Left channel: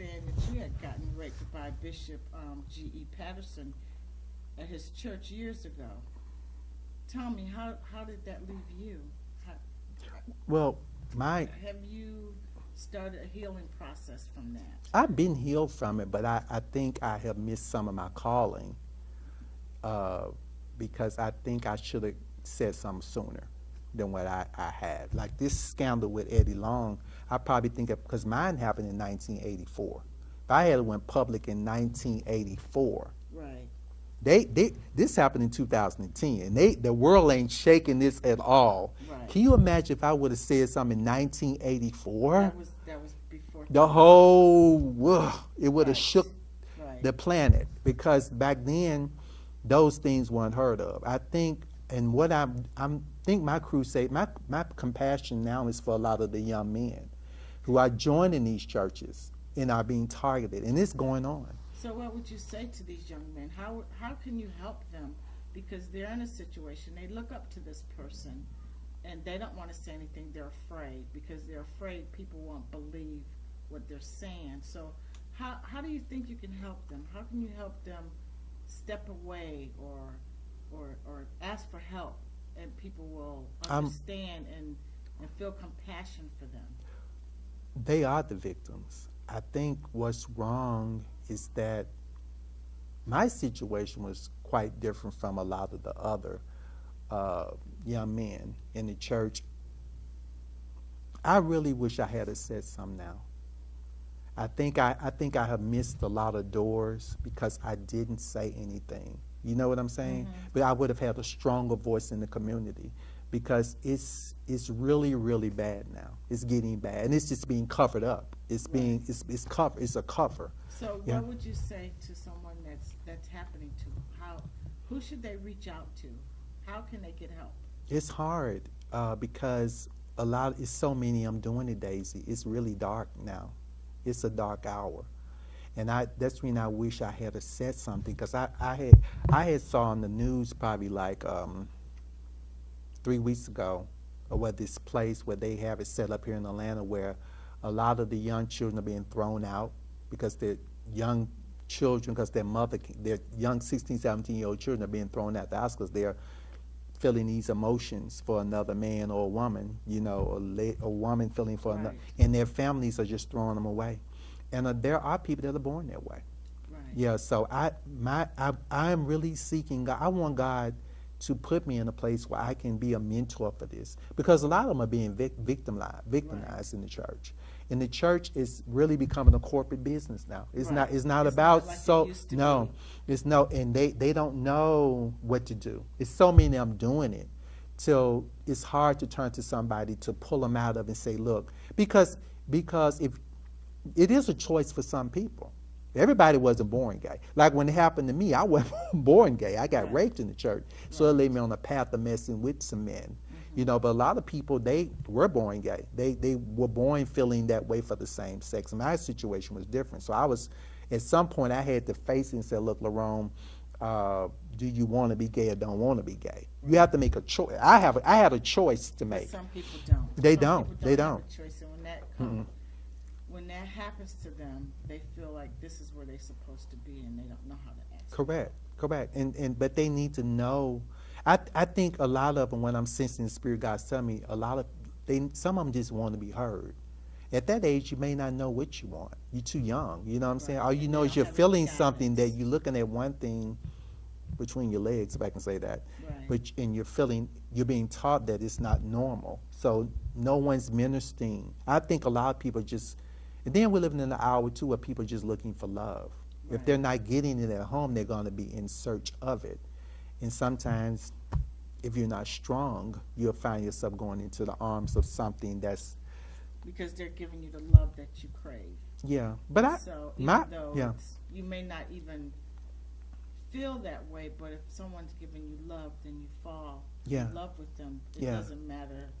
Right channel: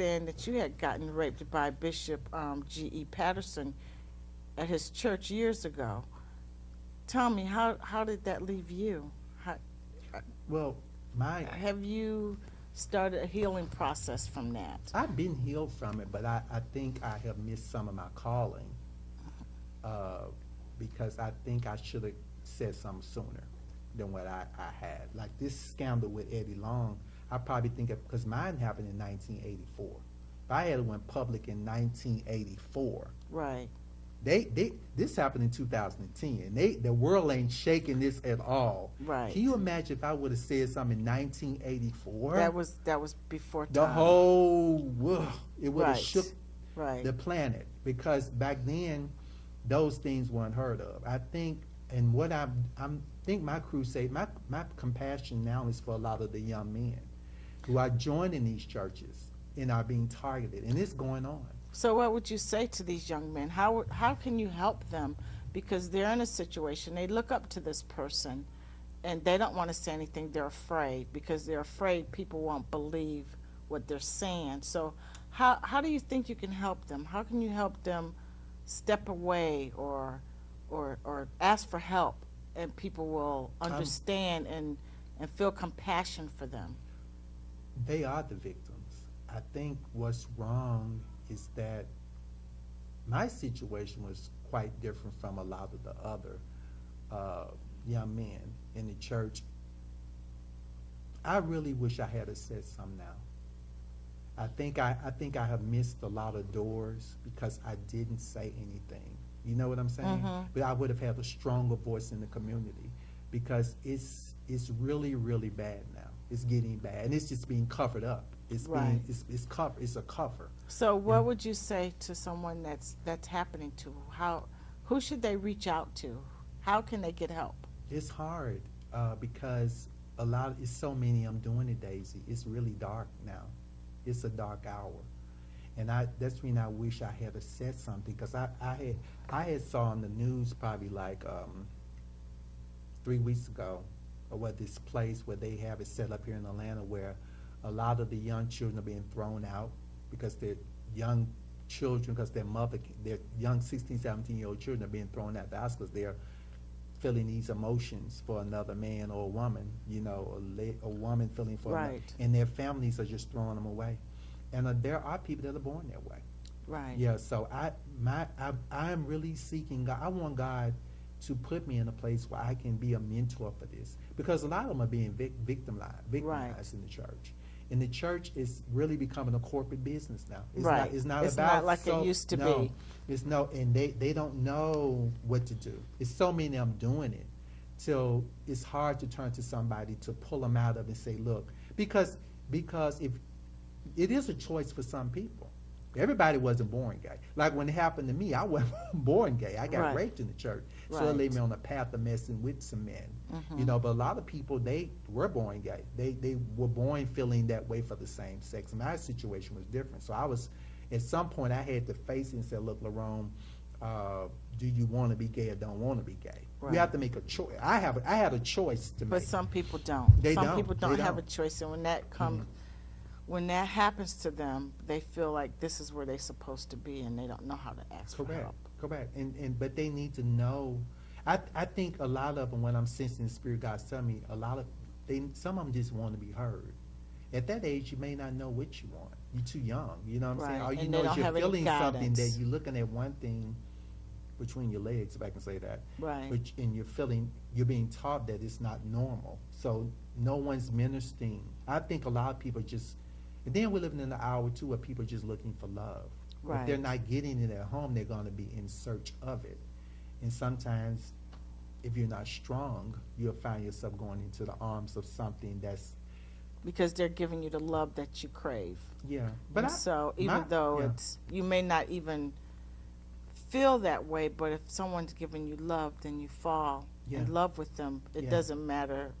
understand that you had gotten raped by Bishop G.E. Patterson at his church years ago. Tell me, how did that leave you? Well, have you started a healing process from that? I've been healed from it, but I think I have missed some of my calling because I think I should have said something sooner than what I had. Like this scandal with Eddie Long, I probably think because mine happened in 1984. If I had went public in 1984, right? This happened in 2010, and the world ain't shaking this at all. Right. Can you imagine if I would have said something in 1984? That was before time. The whole it would have right. shook right. the planet, because back then those things weren't heard of. I think, and what I think my crusade, my compassion now is for a lot of the young men who are joining these churches and are being targeted, and it's going on. So what would you say to these young men? How can you help them? Because they're in a situation, they look up to this person, and they don't want to say anything. They're afraid, because they're afraid people won't believe what they're saying. So how do you think you can help them? How can you help them step away or ask for help, and people will understand and feel compassion for them? They are the victims. I think what's wrong is that my situation was quite different from a lot of the other young men in the church. I really wish I had said something now. I think I have missed a lot of doors because I didn't say anything. You know what I'm saying? Mm-hmm. But I would have had a stronger voice in the community, because it's really, really bad now. It's getting bad, and it's just being covered up. It's being it's a cover. So what would you say to someone that's happening to? Who should they reach out to? How can they get help? It's hard because it's so many I'm doing it, Daisy. It's really dark now. It's a dark hour, and that's when I wish I had said something, because I had saw on the news probably like 3 weeks ago, or what this place where they have it set up here in Atlanta, where a lot of the young children are being thrown out because they're young children, because their young 16, 17-year-old children are being thrown out the house because they're feeling these emotions for another man or a woman, you know, a woman feeling for another, and their families are just throwing them away. And there are people that are born that way. Right. Yeah, so I am really seeking God. I want God to put me in a place where I can be a mentor for this, because a lot of them are being victimized in the church. And the church is really becoming a corporate business now. It's not about like it used to be. It's and they don't know what to do. It's so many of them doing it, till it's hard to turn to somebody to pull them out of and say, look, because if it is a choice for some people. Everybody wasn't born gay. Like when it happened to me, I wasn't born gay. I got raped in the church. So it laid me on a path of messing with some men. Mm-hmm. You know, but a lot of people, they were born gay. They were born feeling that way for the same sex. My situation was different. So at some point, I had to face it and say, look, Lerone, do you want to be gay or don't want to be gay? Right. You have to make a choice. I had a choice to make. But some people don't. Some people don't have a choice. And when that comes... Mm-hmm. When that happens to them, they feel like this is where they're supposed to be, and they don't know how to ask for help. Correct. But they need to know. I think a lot of them, when I'm sensing the Spirit God's telling me, some of them just want to be heard. At that age, you may not know what you want. You're too young. You know what I'm saying? All you know is you're feeling something that you're looking at one thing between your legs, if I can say that. Right. And you're being taught that it's not normal. So no one's ministering. I think a lot of people just. And then we're living in an hour, too, where people are just looking for love. Right. If they're not getting it at home, they're going to be in search of it. And sometimes, if you're not strong, you'll find yourself going into the arms of something that's... Because they're giving you the love that you crave. Yeah. But so even though you may not even feel that way, but if someone's giving you love, then you fall in love with them. It doesn't matter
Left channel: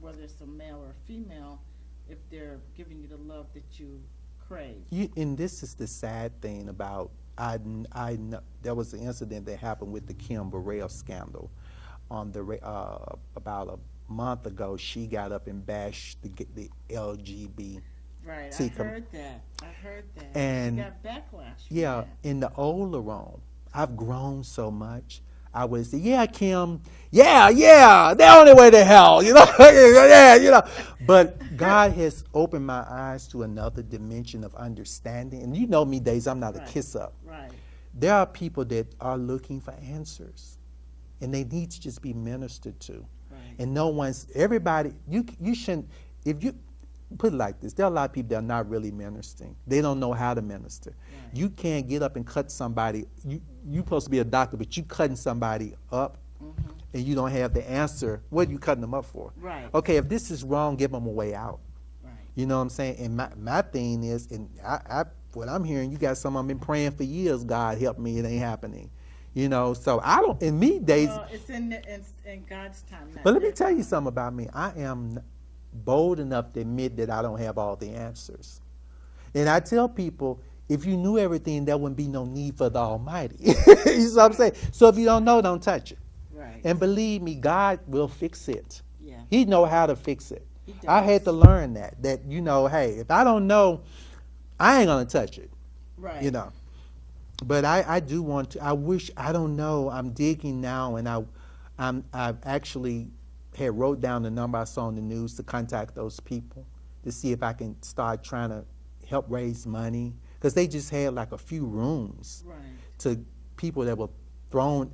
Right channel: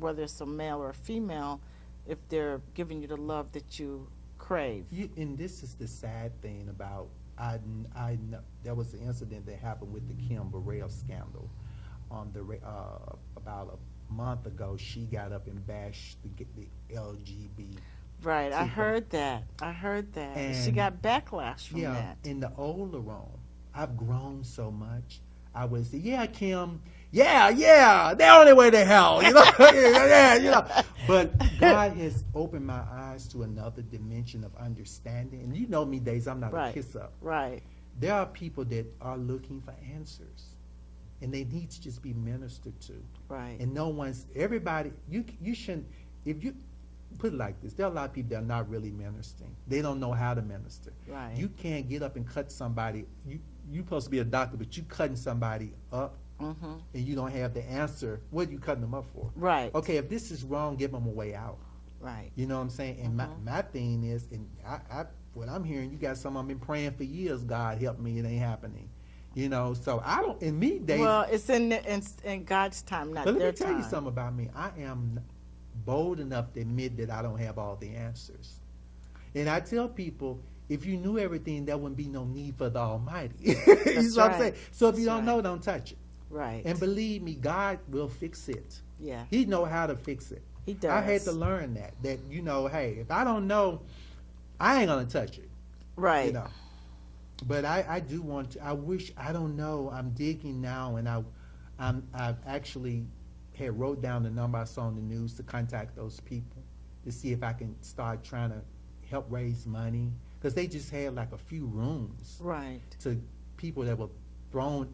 whether it's a male or a female, if they're giving you the love that you crave. And this is the sad thing about, I know there was an incident that happened with the Kim Burrell scandal on the about a month ago. She got up and bashed the LGBT Right. I heard that. And she got backlash from that. In the old Lerone, I've grown so much. I would say, yeah, Kim, yeah, the only way to hell, yeah. But God has opened my eyes to another dimension of understanding. And you know me, Daisy, I'm not a kiss up. Right. There are people that are looking for answers, and they need to just be ministered to. Right. And everybody, you shouldn't, if you, put it like this, there are a lot of people that are not really ministering. They don't know how to minister. Right. You can't get up and cut somebody. You're supposed to be a doctor, but you cutting somebody up, and you don't have the answer. What are you cutting them up for? Right. Okay, if this is wrong, give them a way out. Right. You know what I'm saying? And my thing is, and what I'm hearing, you got some I've been praying for years, God help me, it ain't happening. So I don't, in me days. Well, it's in God's time, not But let their me tell you time. something about me. I am bold enough to admit that I don't have all the answers. And I tell people, if you knew everything, there wouldn't be no need for the Almighty. You know what I'm saying? So if you don't know, don't touch it. Right. And believe me, God will fix it. Yeah. He know how to fix it. He does. I had to learn that hey, if I don't know, I ain't gonna touch it. Right. But I do want to. I wish, I don't know. I'm digging now, and I've actually had wrote down the number I saw on the news to contact those people to see if I can start trying to help raise money, because they just had like a few rooms to people that were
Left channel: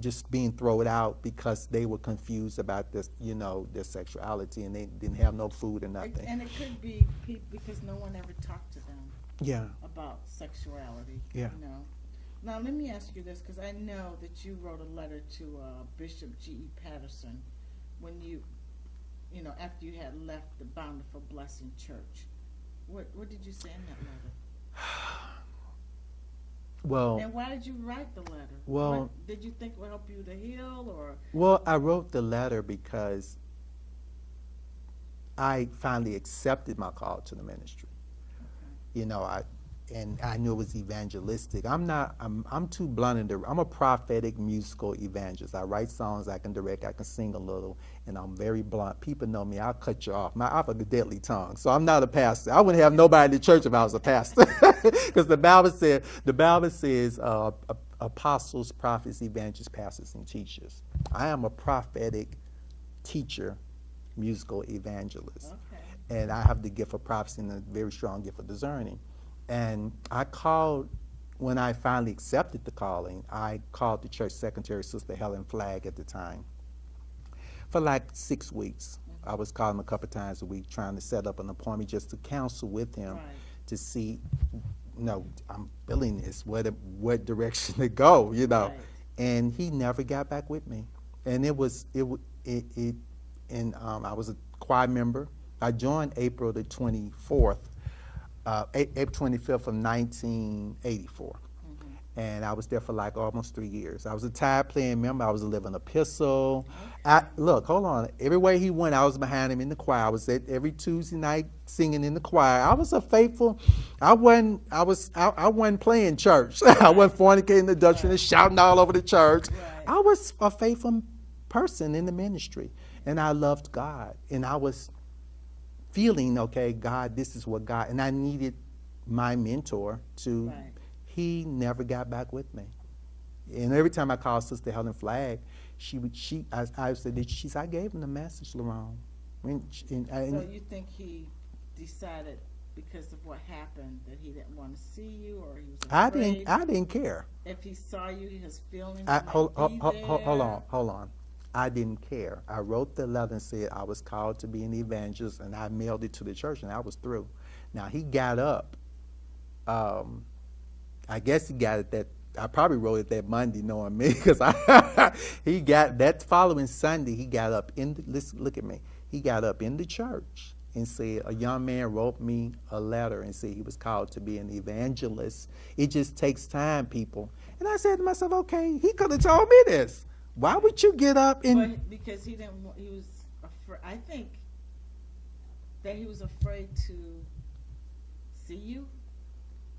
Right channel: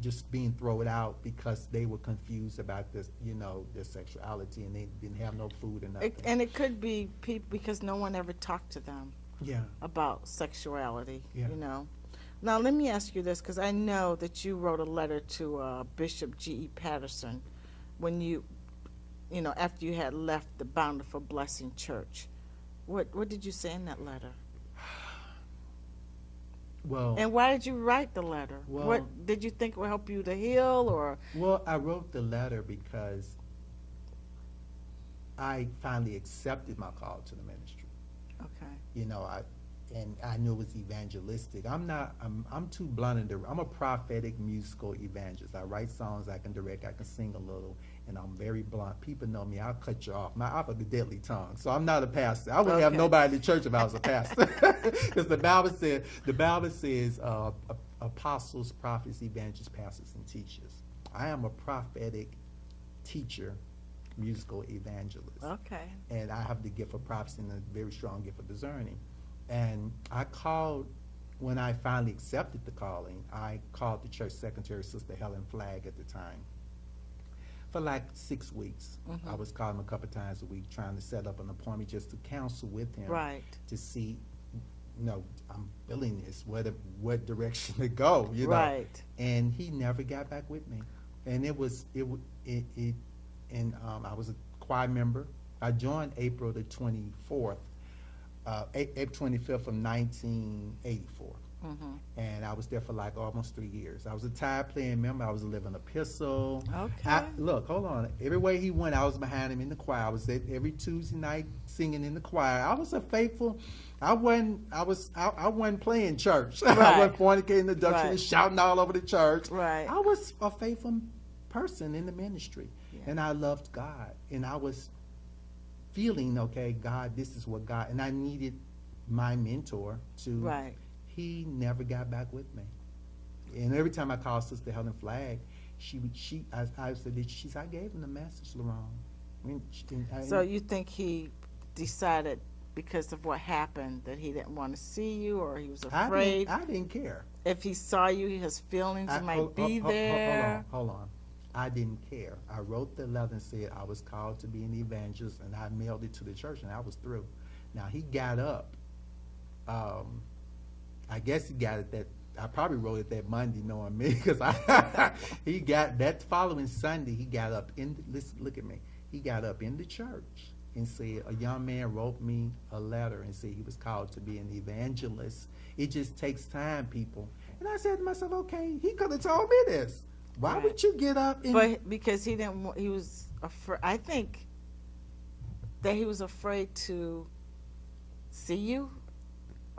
just being thrown out because they were confused about this, their sexuality, and they didn't have no food or nothing. And it could be people because no one ever talked to them about sexuality. Now let me ask you this, because I know that you wrote a letter to Bishop G.E. Patterson when after you had left the Bountiful Blessing Church. What did you say in that letter? Well, and why did you write the letter? Well, what did you think would help you to heal, or? Well, I wrote the letter because I finally accepted my call to the ministry. Okay. And I knew it was evangelistic. I'm too blunt. I'm a prophetic musical evangelist. I write songs, I can direct, I can sing a little, and I'm very blunt. People know me, I'll cut you off. I have a deadly tongue, so I'm not a pastor. I wouldn't have nobody in the church if I was a pastor. Because the Bible says apostles, prophets, evangelists, pastors, and teachers. I am a prophetic teacher, musical evangelist. Okay. And I have the gift of prophecy and a very strong gift of discerning. And I called, when I finally accepted the calling, I called the church secretary, Sister Helen Flagg at the time, for like 6 weeks. I was calling him a couple times a week, trying to set up an appointment just to counsel with him to see, I'm feeling this, what direction to go, Right. And he never got back with me. And I was a choir member. I joined April the 24th. April 25th of 1984. And I was there for like almost 3 years. I was a tide playing member. I was a living epistle. Okay. Look, hold on. Everywhere he went, I was behind him in the choir. I was at every Tuesday night singing in the choir. I was a faithful. I wasn't playing church. Right. I wasn't fornicating the doctrine and shouting all over the church. Right. I was a faithful person in the ministry, and I loved God, and I was feeling, okay, God, this is what God, and I needed my mentor to, he never got back with me. And every time I called Sister Helen Flagg, I said, I gave him the message, Lerone. So you think he decided because of what happened that he didn't want to see you, or he was afraid? I didn't care. If he saw you, his feelings might be there. Hold on. I didn't care. I wrote the letter and said I was called to be an evangelist, and I mailed it to the church, and I was through. Now, he got up. I guess he got it I probably wrote it that Monday, knowing me, because he got that following Sunday. He got up look at me. He got up in the church and said a young man wrote me a letter and said he was called to be an evangelist. It just takes time, people. And I said to myself, okay, he could have told me this. Why would you get up and? But because he was afraid. I think that he was afraid to see you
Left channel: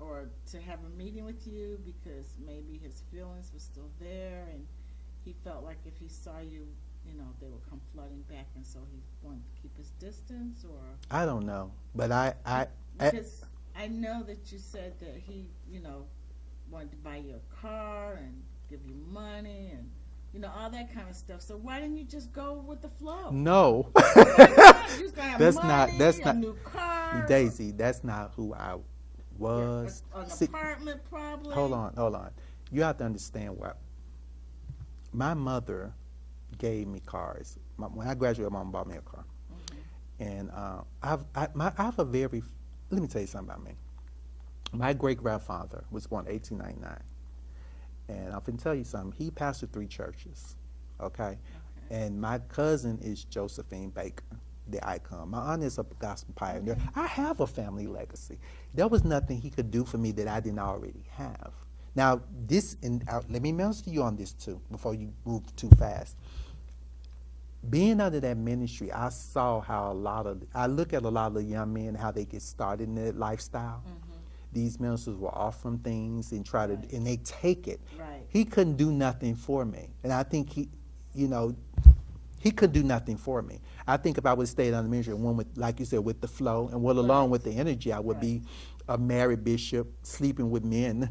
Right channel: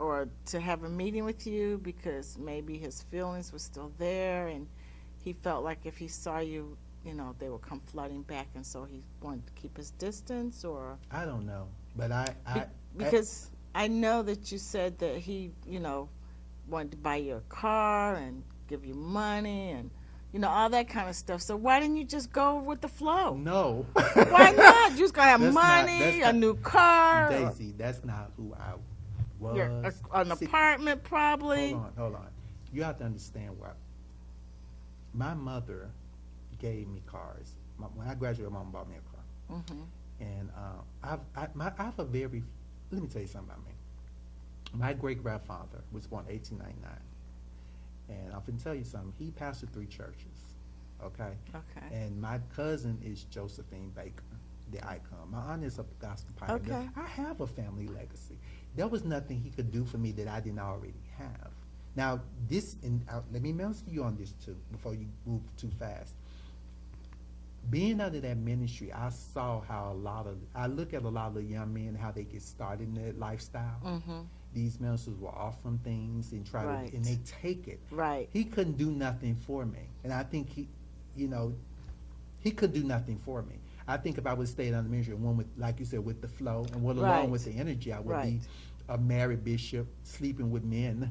or to have a meeting with you, because maybe his feelings were still there, and he felt like if he saw you, they would come flooding back, and so he wanted to keep his distance, or? I don't know, but Because I know that you said that he, wanted to buy you a car and give you money and, all that kind of stuff. So why didn't you just go with the flow? No. Why not? You just gonna have That's money, a new car. Daisy, that's not who I was. An apartment, probably. Hold on. You have to understand what my mother gave me cars. When I graduated, my mom bought me a car. Mm-hmm. And I have a very, let me tell you something about me. My great-grandfather was born in 1899. And I'm going to tell you something. He pastored 3 churches, okay? And my cousin is Josephine Baker, the icon. My aunt is a gospel pioneer. Okay. I have a family legacy. There was nothing he could do for me that I didn't already have. Now, let me minister to you on this too, before you move too fast. Being under that ministry, I saw how I look at a lot of the young men, how they get started in their lifestyle. Mm-hmm. These ministers will offer them things and and they take it. Right. He couldn't do nothing for me. And I think he couldn't do nothing for me. I think if I would have stayed under ministry, one with, like you said, with the flow and along with the energy, I would be a married bishop sleeping with men.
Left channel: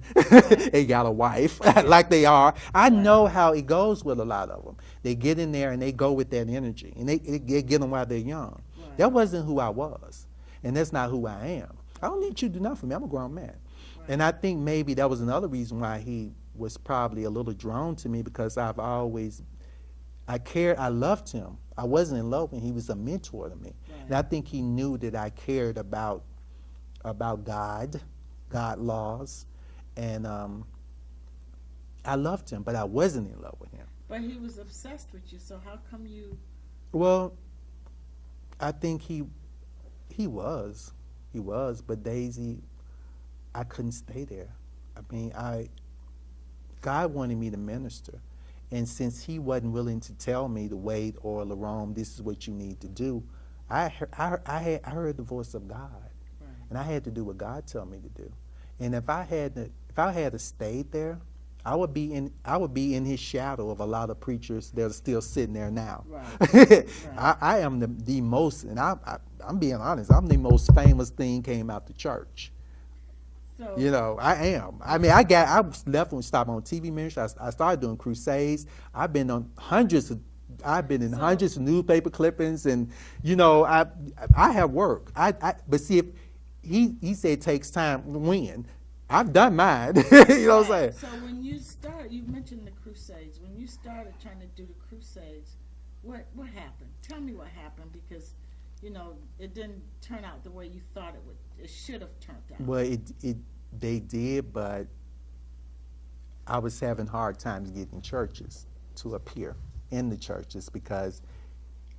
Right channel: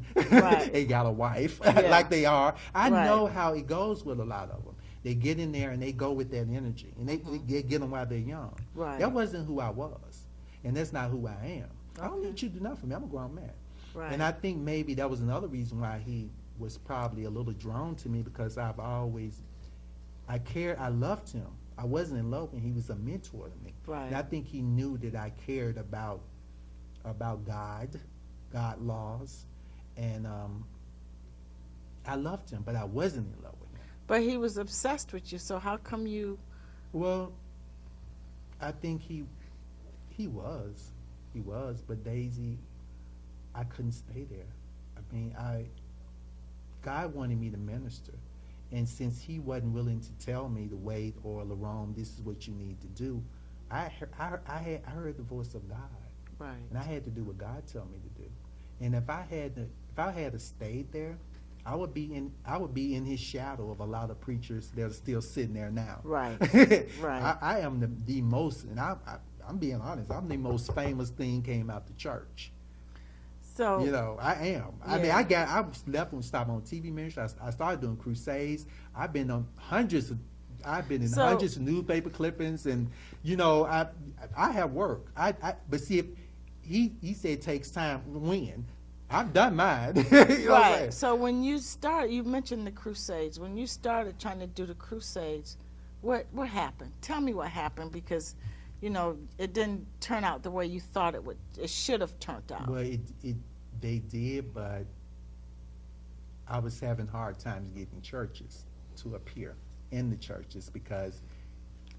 They got a wife like they are. I know how it goes with a lot of them. They get in there and they go with that energy and they get them while they're young. Right. That wasn't who I was. And that's not who I am. I don't need you to do nothing for me. I'm a grown man. Right. And I think maybe that was another reason why he was probably a little drawn to me, because I loved him. I wasn't in love with him. He was a mentor to me. Right. And I think he knew that I cared about God laws, and I loved him, but I wasn't in love with him. But he was obsessed with you, so how come you... Well, I think he was. He was, but Daisy, I couldn't stay there. I mean, God wanted me to minister. And since he wasn't willing to tell me to wait or Lerone, this is what you need to do, I heard the voice of God. Right. And I had to do what God told me to do. And if I had stayed there, I would be in his shadow of a lot of preachers that are still sitting there now. Right. Right. I am the most, and I'm being honest, I'm the most famous thing came out the church. So I am. Yeah. I mean, I left and stopped on TV ministry. I started doing crusades. I've been in hundreds of newspaper clippings, and I have work. But see, if he said it takes time. When I've done mine, what I'm saying. So when you started, you mentioned the crusades. When you started trying to do the crusades, what happened? Tell me what happened, because it didn't turn out the way you thought it would. It should have turned out. Well, they did, but I was having hard times getting churches to appear in the churches because.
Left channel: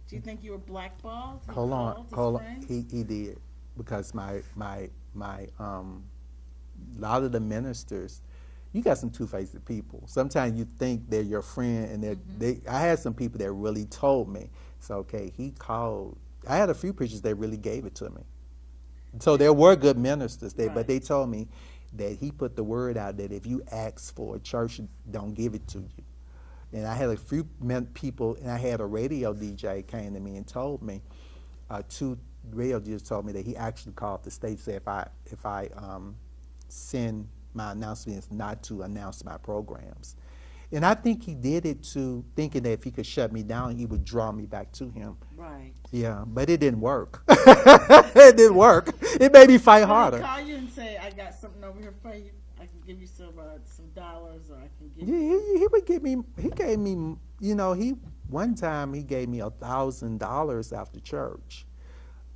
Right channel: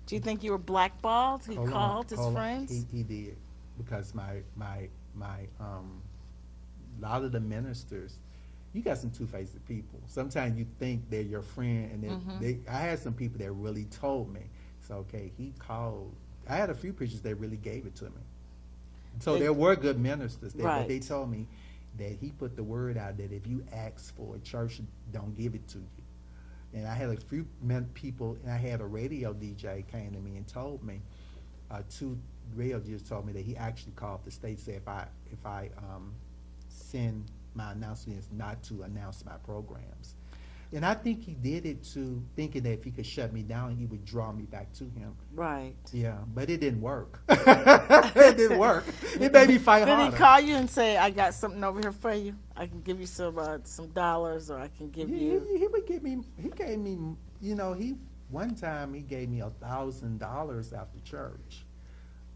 Do you think you were blackballed? He called his friends. He did, because my a lot of the ministers, you got some two-faced people. Sometimes you think they're your friend, and I had some people that really told me, so okay, he called. I had a few preachers that really gave it to me. So there were good ministers there, but they told me that he put the word out that if you ask for a church, don't give it to you. And I had a few people, and I had a radio DJ came to me and told me, 2 radio DJs told me that he actually called the state, said if I send my announcements not to announce my programs. And I think he did it thinking that if he could shut me down, he would draw me back to him. Right. Yeah, but it didn't work. It didn't work. It made me fight harder. Did he call you and say, I got something over here for you? I can give you some dollars, or I can give you... He would give me, he gave me, one time he gave me $1,000 after church.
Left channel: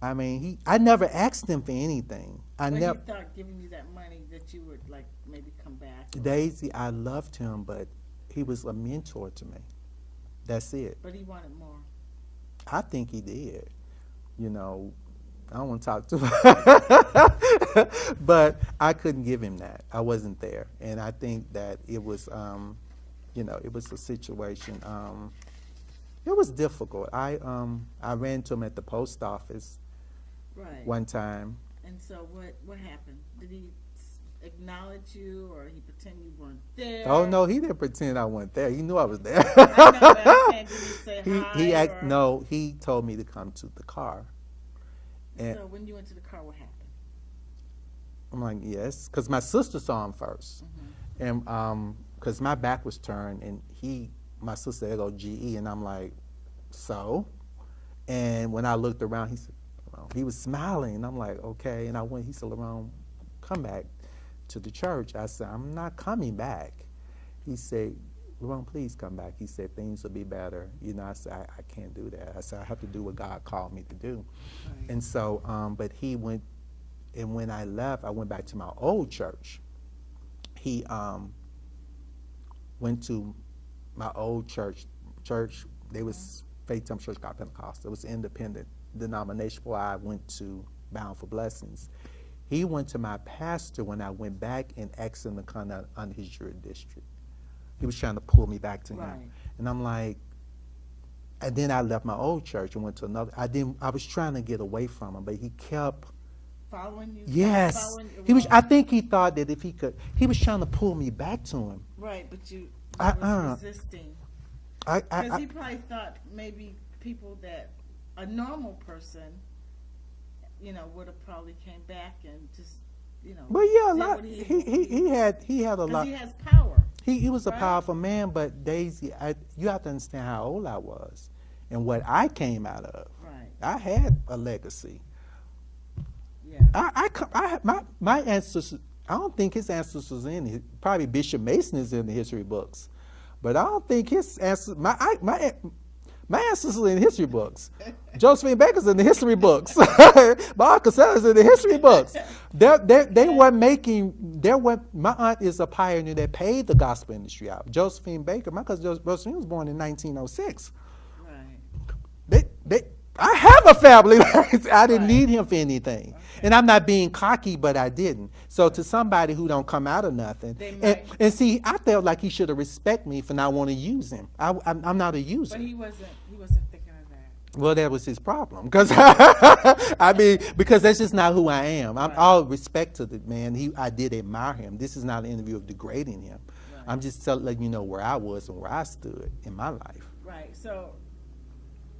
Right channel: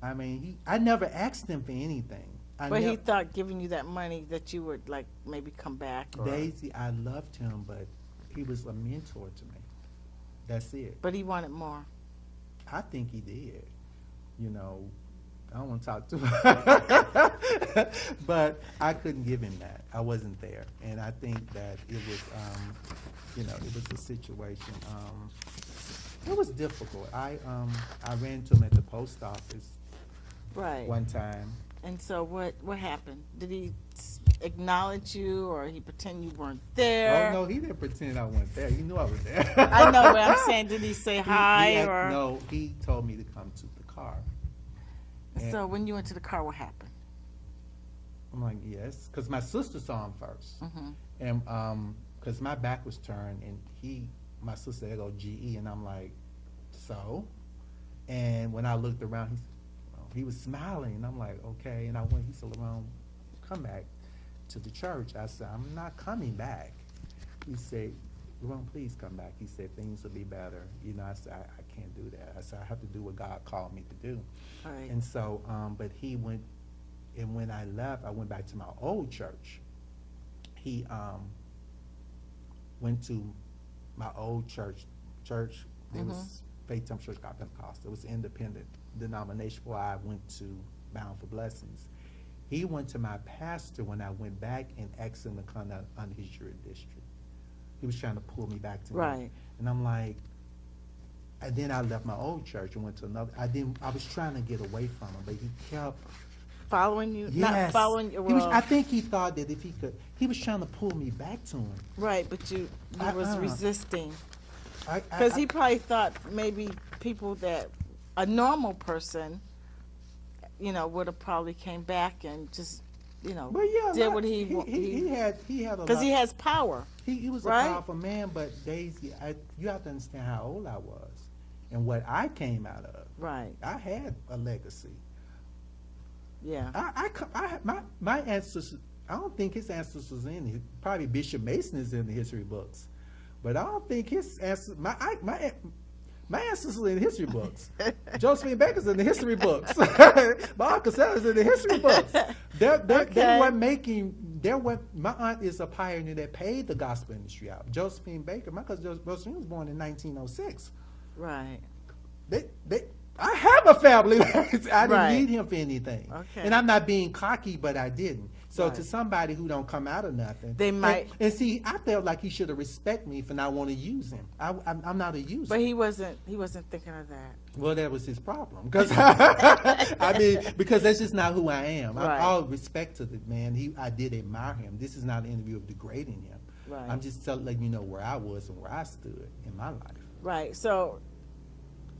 I mean, I never asked him for anything. But he thought giving you that money that you would, like, maybe come back? Daisy, I loved him, but he was a mentor to me. That's it. But he wanted more. I think he did. I don't want to talk too much. But I couldn't give him that. I wasn't there. And I think that it was, it was a situation. It was difficult. I ran into him at the post office one time. And so what happened? Did he acknowledge you, or he pretend you weren't there? Oh, no, he didn't pretend I wasn't there. He knew I was there. I know, but I'm saying, did he say hi? No, he told me to come to the car. So when you went to the car, what happened? I'm like, yes, because my sister saw him first, and because my back was turned, and my sister said, "Go GE," and I'm like, so, and when I looked around, he said, well, he was smiling, and I'm like, okay, and I went. He said, "Lerone, come back to the church." I said, "I'm not coming back." He said, "Lerone, please come back." He said, "Things will be better." You know, I said, I can't do that. I said, I have to do what God called me to do. Right. And so, but he went, and when I left, I went back to my old church. He went to my old church. They was Faith Temple Church God Pentecost. It was an independent denomination where I went to Bound for Blessings. He went to my pastor when I went back and asked him to come under his jurisdiction. He was trying to pull me back to him. Right. And I'm like, and then I left my old church and went to another. I was trying to get away from him, but he kept Following you? Yes. Not following you? He was, Well, I think he thought that if he could, he was trying to pull me back to him. right, but you I- was resisting. Because he probably thought maybe people that, a normal person, you know, would have probably came back and just, you know, But yeah, did what he had a because lot. he has power. He was a right? powerful man, but Daisy, you have to understand how old I was and what I came out of. Right. I had a legacy. Yeah. My ancestors, I don't think his ancestors in it. Probably Bishop Mason is in the history books, but I don't think his ancestors, my ancestors are in the history books. Josephine Baker's in the history books. Bob Casella's in the history books. They weren't making, my aunt is a pioneer that paid the gospel industry out. Josephine Baker, my cousin Josephine was born in 1906. Right. I have a family. I didn't Right. need him for anything. Okay. And I'm not being cocky, but I didn't. So Right. to somebody who don't come out of nothing. They might- And see, I felt like he should have respect me for not wanting to use him. I'm not a user. But he wasn't thinking of that. Well, that was his problem. Because I mean, because that's just not who I am. Right. All respect to the man. I did admire him. This is not an interview of degrading him. Right. I'm just letting you know where I was and where I stood in my life. Right. So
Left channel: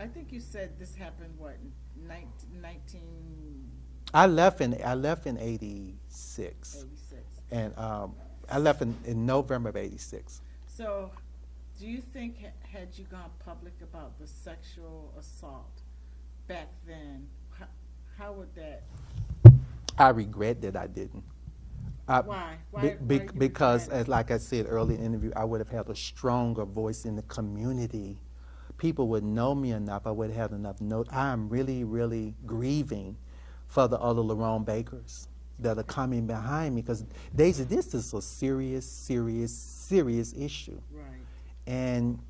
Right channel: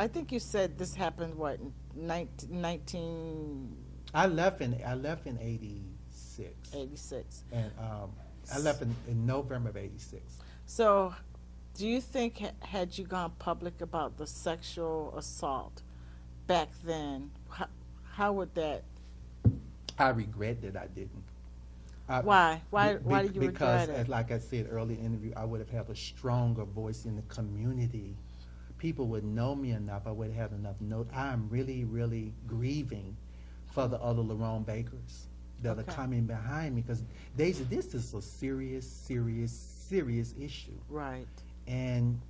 I think you said this happened, what, 1986? I left in 86. And I left in November of 86. So do you think had you gone public about the sexual assault back then, how would that? I regret that I didn't. Why? Why did you Because, regret it? like I said earlier in the interview, I would have had a stronger voice in the community. People would know me enough. I would have enough note. I am really, really grieving for the other Lerone Bakers that are coming behind me, because Daisy, this is a serious, serious, serious issue. Right. And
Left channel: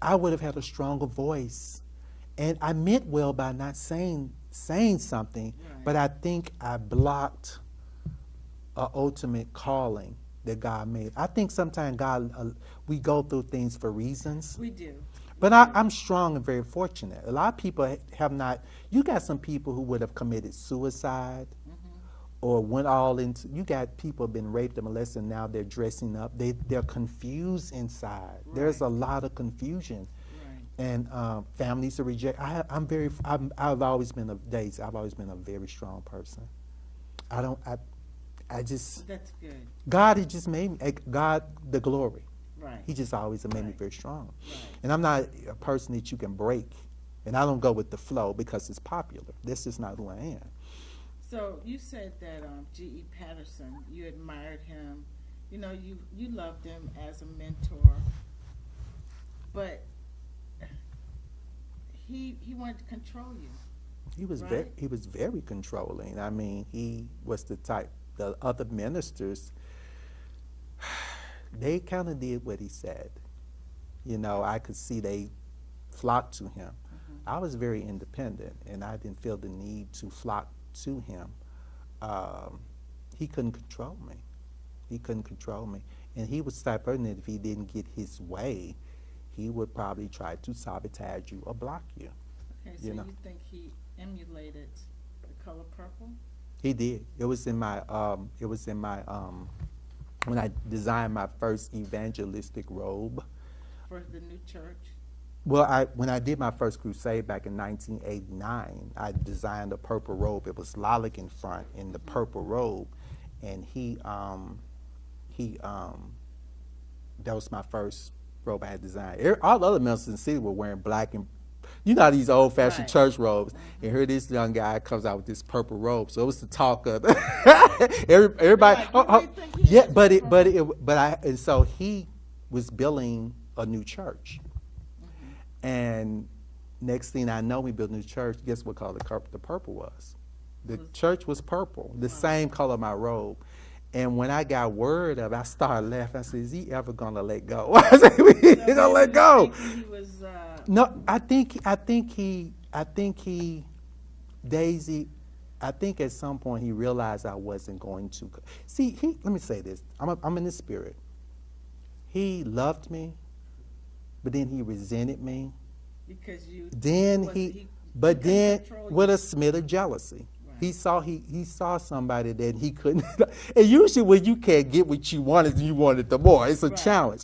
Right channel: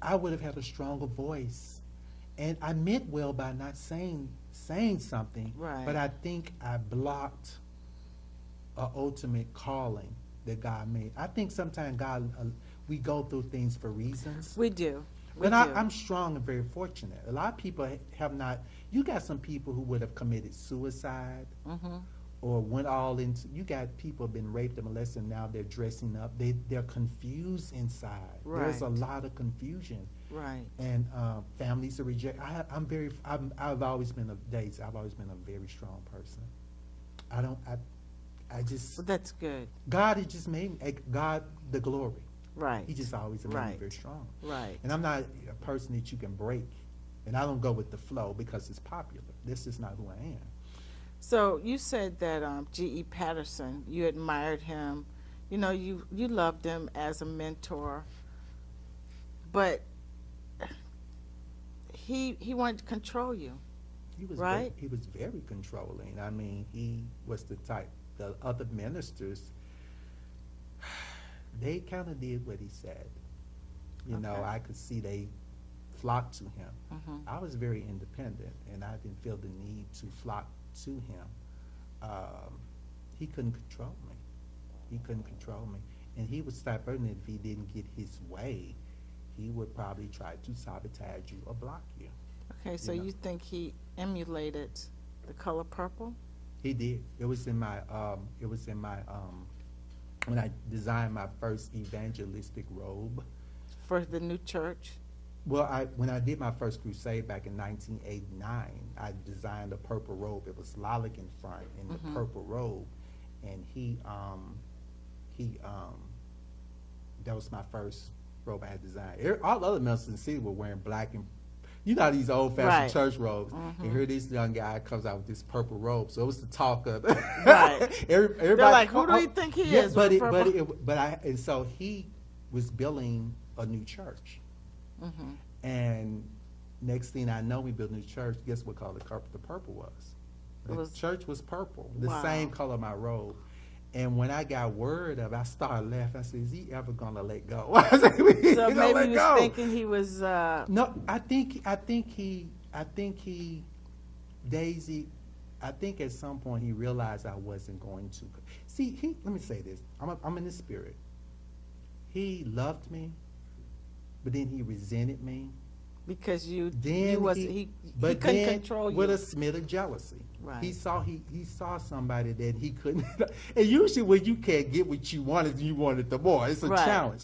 I would have had a stronger voice. And I meant well by not saying something, Right. but I think I blocked an ultimate calling that God made. I think sometimes God, we go through things for reasons. We do. But I'm strong and very fortunate. A lot of people have not. You got some people who would have committed suicide or went all into. You got people who have been raped and molested, and now they're dressing up. They're confused inside. Right. There's a lot of confusion. Right. And families are reject. I've always been I've always been a very strong person. I just. Well, that's good. God has just made me. God, the glory. Right. He just always made me Right. very strong. Right. And I'm not a person that you can break. And I don't go with the flow because it's popular. This is not who I am. So you said that G.E. Patterson, you admired him. You know, you loved him as a mentor. But he wanted to control you. He was Right. he was very controlling. I mean, he was the type. The other ministers, they kind of did what he said. You know, I could see they flocked to him. I was very independent, and I didn't feel the need to flock to him. He couldn't control me. He couldn't control me. And he was the type of person that if he didn't get his way, he would probably try to sabotage you or block you. Okay, so know. you think he emulated the color purple? He did. It was in my when I designed my first evangelistic robe. For the new church? Well, when I did my first crusade back in 1989, I designed a purple robe. It was lilac in front in the purple robe, and that was my first robe I had designed. All the other ministers in the city were wearing black and, you know, these old-fashioned church robes. And here this young guy comes out with this purple robe. So it was the talk of everybody. Like, who do you think he is? And so he was building a new church. And next thing I know, we built a new church. Guess what color the purple was? The church was purple, the same color of my robe. And when I got word of it, I started laughing. I said, is he ever going to let go? I said, he's going to let go. Thinking he was... No, I think he, Daisy, I think at some point he realized I wasn't going to. See, let me say this. I'm in the spirit. He loved me, but then he resented me. Because he But couldn't then, control you. with a smidge of jealousy, Right. he saw somebody that he couldn't. And usually, when you can't get what you wanted, you want it the more. It's a challenge.